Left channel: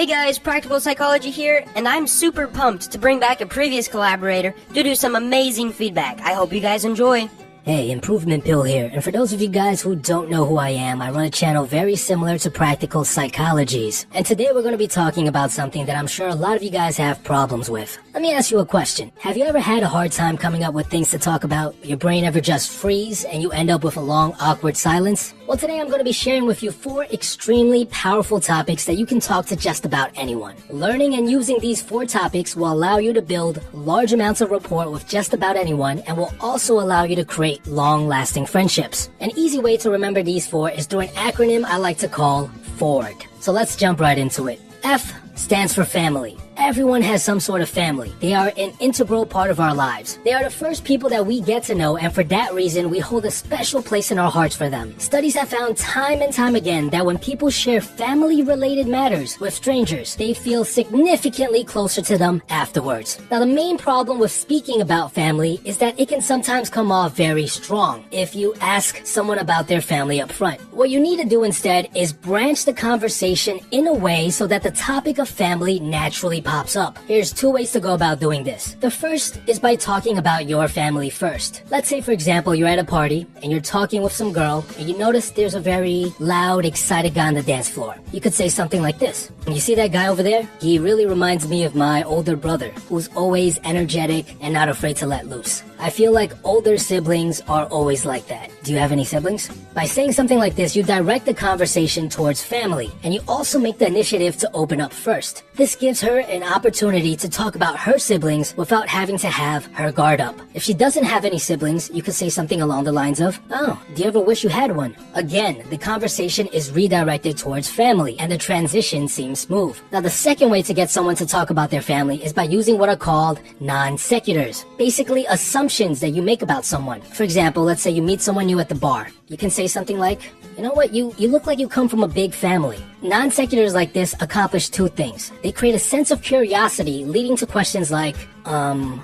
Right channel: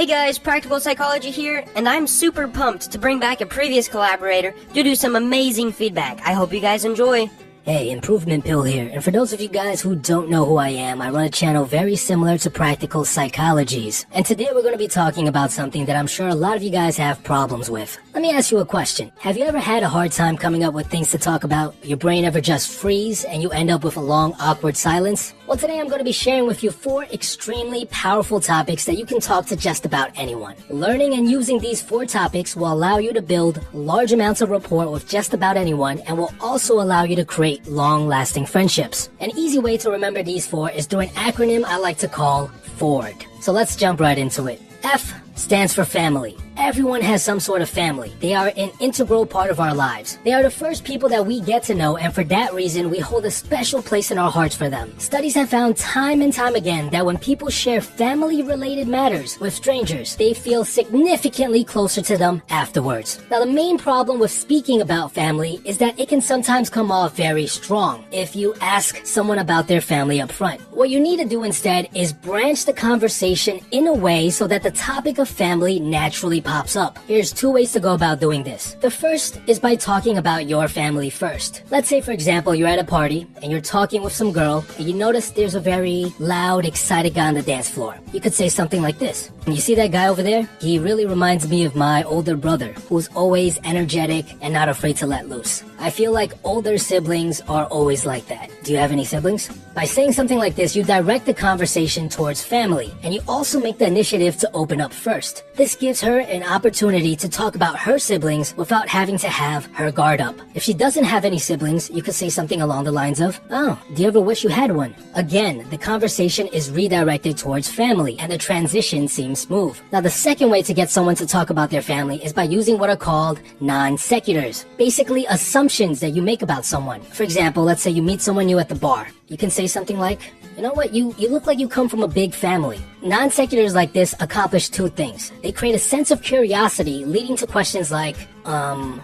Hey guys, Practical Psychology here, and I'm super pumped to bring back a previous collaborator to do some amazing feedback. I hope you guys enjoy. Hey, Improvement Pill here, and for those of you guys who don't know who I am, I run a channel very similar to Practical Psychologies. And today we're going to be talking about something that I'm sure a lot of you guys have problems with. Let me ask you a question. Have you ever had a hard time coming up with things to talk about? Your brain ever just freeze and you end up with a long, awkward silence? Well, today I'm going to be sharing with you 4 extremely powerful topics that you can talk to just about anyone. Learning and using these 4 topics will allow you to build large amounts of rapport with just about anyone and will also allow you to create long-lasting friendships. An easy way to remember these 4 is through an acronym I like to call FORD. So let's jump right into it. F stands for family. Everyone has some sort of family. They are an integral part of our lives. They are the first people that we get to know, and for that reason, we hold a special place in our hearts for them. Studies have found time and time again that when people share family-related matters with strangers, they feel significantly closer to them afterwards. Now, the main problem with speaking about family is that it can sometimes come off very strong if you ask someone about their family up front. What you need to do instead is branch the conversation in a way so that the topic of family naturally pops up. Here's 2 ways to go about doing this. The first is by talking about your family first. Let's say, for example, you're at a party and you're talking with some girl and you notice there's a very loud, excited guy on the dance floor. You could say something like this. You see that guy over there? He really reminds me of my older brother, who's always energetic and not afraid to let loose. I feel like older siblings are always like that. Do you have any siblings? By saying something like this, you direct the conversation towards family, and you also make the initiative to open up first. This gives her an opportunity to talk about her siblings without having to have her guard up. If she doesn't have any siblings, you could say something along the lines of, "Oh, do you ever wish you had one?" Again, the conversation is redirected towards family, and the transition seems smooth. Now, the second way to get someone to talk about their family is by using what are called non sequiturs. Basically, assumptions that you make about someone. For example, let's say you meet someone new at the bar. You can say something like, "You know what, you look like you come from a big family." Non sequiturs like this accomplish 2 things. They create a sense of curiosity, leading to questions like,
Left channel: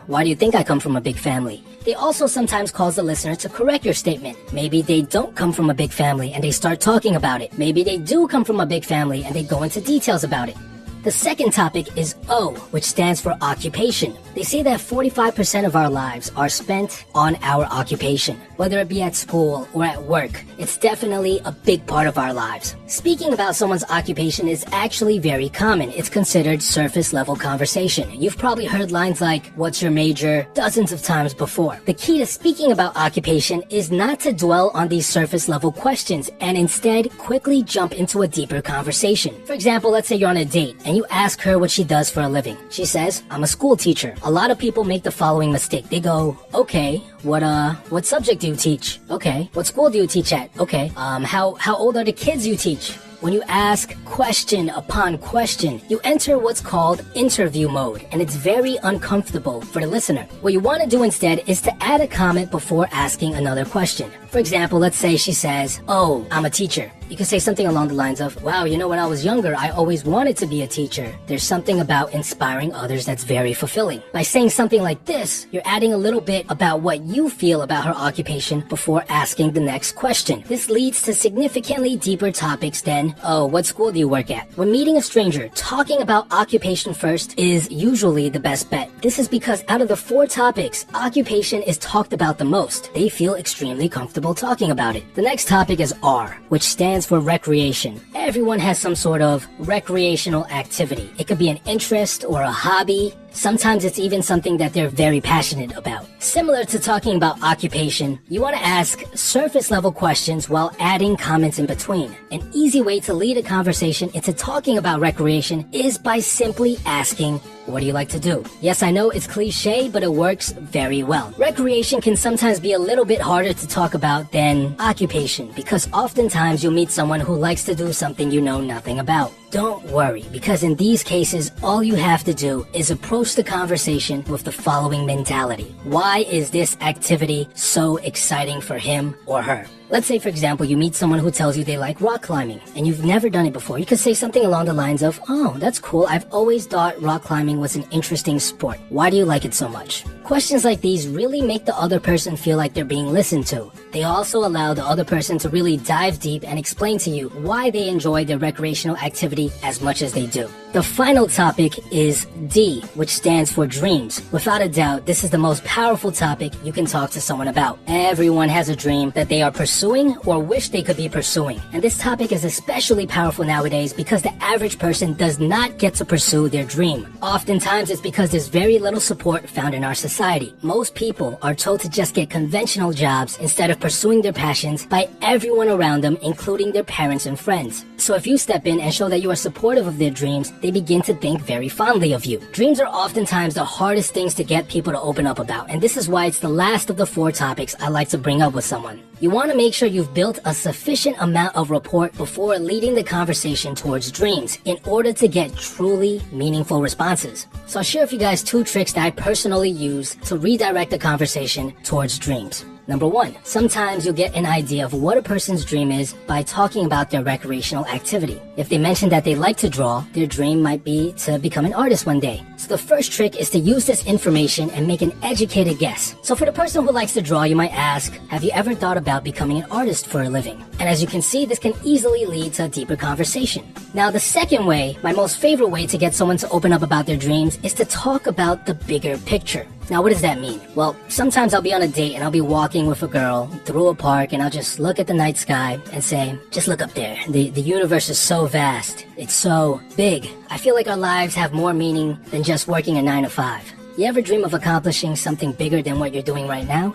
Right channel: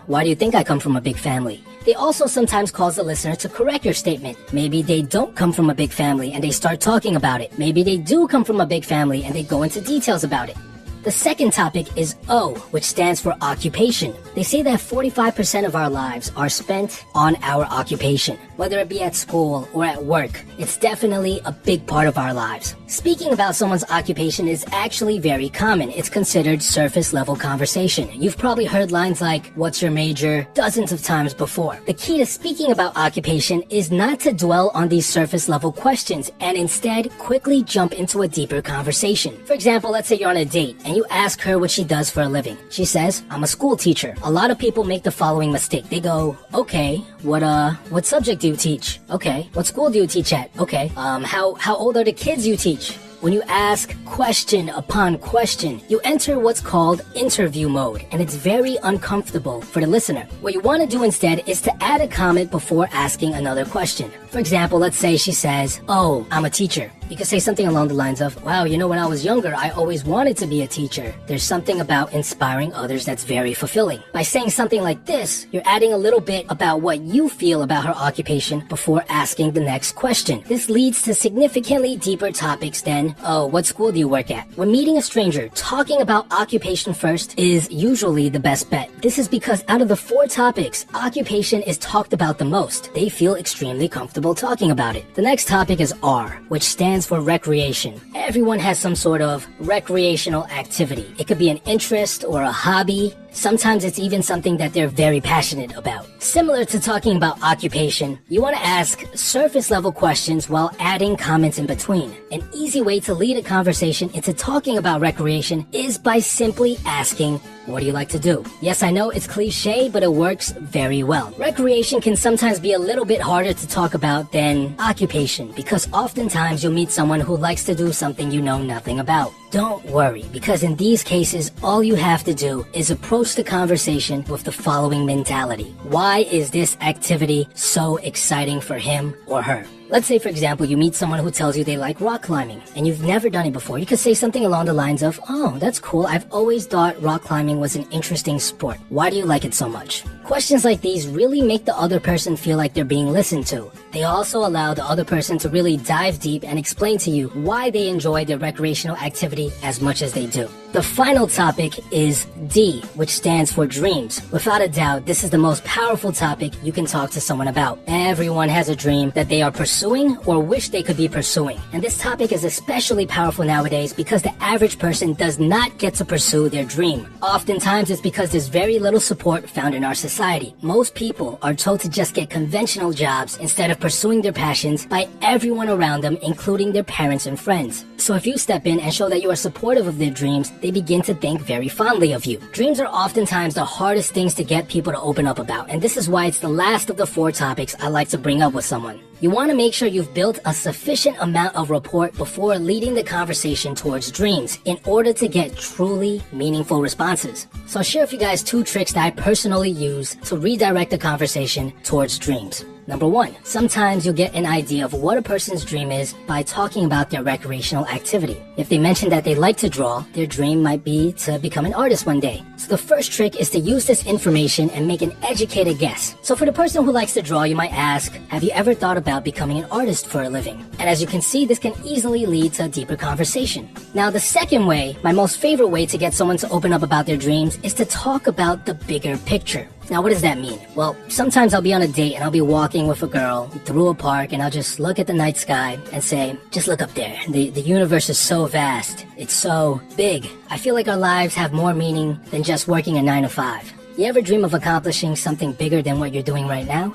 why do you think I come from a big family? They also sometimes cause the listener to correct your statement. Maybe they don't come from a big family and they start talking about it. Maybe they do come from a big family and they go into details about it. The second topic is O, which stands for occupation. They say that 45% of our lives are spent on our occupation. Whether it be at school or at work, it's definitely a big part of our lives. Speaking about someone's occupation is actually very common. It's considered surface level conversation. You've probably heard lines like, "What's your major?" dozens of times before. The key to speaking about occupation is not to dwell on these surface level questions and instead quickly jump into a deeper conversation. For example, let's say you're on a date and you ask her what she does for a living. She says, "I'm a school teacher." A lot of people make the following mistake. They go, "Okay, what subject do you teach?" "Okay, what school do you teach at?" "Okay, how old are the kids you teach?" When you ask question upon question, you enter what's called interview mode, and it's very uncomfortable for the listener. What you want to do instead is to add a comment before asking another question. For example, let's say she says, "Oh, I'm a teacher." You could say something along the lines of, "Wow, you know, when I was younger, I always wanted to be a teacher." There's something about inspiring others that's very fulfilling. By saying something like this, you're adding a little bit about what you feel about her occupation before asking the next question. This leads to significantly deeper topics than, "Oh, what school do you work at?" When meeting a stranger, talking about occupation first is usually the best bet. This is because out of the 4 topics, occupation is talked about the most. They feel extremely comfortable talking about it. The next topic is R, which stands for recreation. Everyone has some sort of recreational activity. It could be an interest or a hobby. Sometimes it's even something that they're very passionate about. Similar to talking about occupation, you want to ask surface level questions while adding comments in between. An easy way to lead a conversation into talking about recreation is by simply asking, "What do you like to do?" Yes, I know it's cliche, but it works very well. Recreation can sometimes be a little bit harder to talk about than occupation because oftentimes you'll meet someone who likes to do something you know nothing about. Don't worry, because in these cases, all you have to do is approach the conversation with the following mentality. Why is this activity so exciting for him or her? Let's say, for example, you meet someone who tells you they like rock climbing, and you've never done it before. You could say something along the lines of, "Oh, that's cool. I've always thought rock climbing was an interesting sport. Why do you like it so much?" Questions like these really make the other person feel like they're being listened to. They also allow the other person to really dive deep and explain to you why they enjoy their recreational activity as much as they do. The final topic is D, which stands for dreams. Without a doubt, this is the most powerful topic you can talk to someone about. Everyone has a dream that they are pursuing or wish they could be pursuing. And this topic is especially powerful nowadays because the average person does not get to pursue their dream. Oftentimes, it's because there's very little support found in our society. Most people are told to just get conventional jobs instead of pursuing their passions by everyone around them, including their parents and friends. So if you step in and show that you are supportive of their dreams, they begin to think very fondly of you. Dreams are oftentimes the hardest things to get people to open up about, and this is why it's the last of the 4 topics I like to bring up with someone. You want to make sure you've built a sufficient amount of rapport before leading the conversation towards dreams in order to get truly meaningful responses. So I'll share with you guys 2 tricks that I personally use to redirect the conversation towards dreams. Number 1, sometimes you'll get an idea of what a person's dream is by talking about their recreational activity. If they mention that they like to draw, their dream might be to become an artist one day. So the first trick is to use this information and make an educated guess. So for the person who likes to draw, you might ask, have you ever thought about becoming an artist for a living? And as you can see, this can easily lead to a deeper conversation. Now the second way, my most favorite way to get someone to open up about their dreams, is to talk about the bigger picture. Now, what does that mean? Well, sometimes I'll be on a date and I'll be walking with a girl through a park and I'll just look at the night sky and say, just look up there. The universe is so vast. It's so big. I feel like our lives have more meaning than just working a 9 to 5. You ever dream of accomplishing something bigger than what you're doing right now?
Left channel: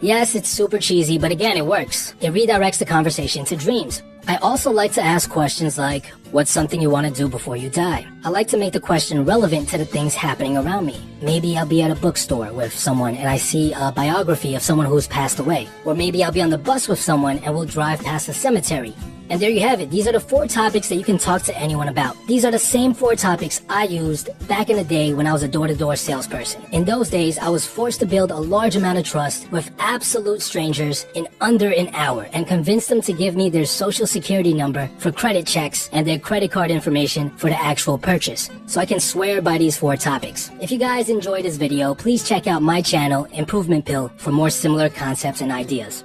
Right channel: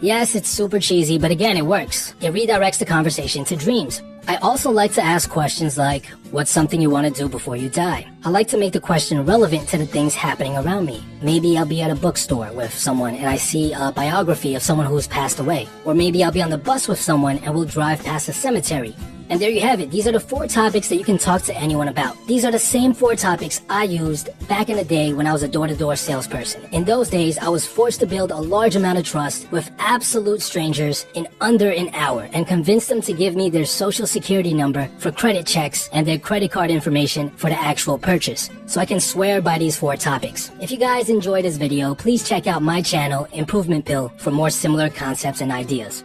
Yes, it's super cheesy, but again, it works. It redirects the conversation to dreams. I also like to ask questions like, what's something you want to do before you die? I like to make the question relevant to the things happening around me. Maybe I'll be at a bookstore with someone and I see a biography of someone who's passed away. Or maybe I'll be on the bus with someone and we'll drive past a cemetery. And there you have it. These are the 4 topics that you can talk to anyone about. These are the same 4 topics I used back in the day when I was a door-to-door salesperson. In those days, I was forced to build a large amount of trust with absolute strangers in under an hour and convince them to give me their social security number for credit checks and their credit card information for the actual purchase. So I can swear by these 4 topics. If you guys enjoyed this video, please check out my channel, Improvement Pill, for more similar concepts and ideas.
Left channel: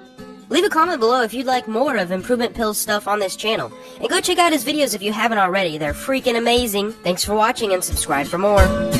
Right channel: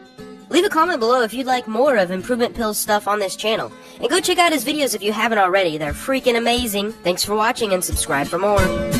Leave a comment below if you'd like more of Improvement Pill's stuff on this channel. And go check out his videos if you haven't already. They're freaking amazing. Thanks for watching and subscribe for more.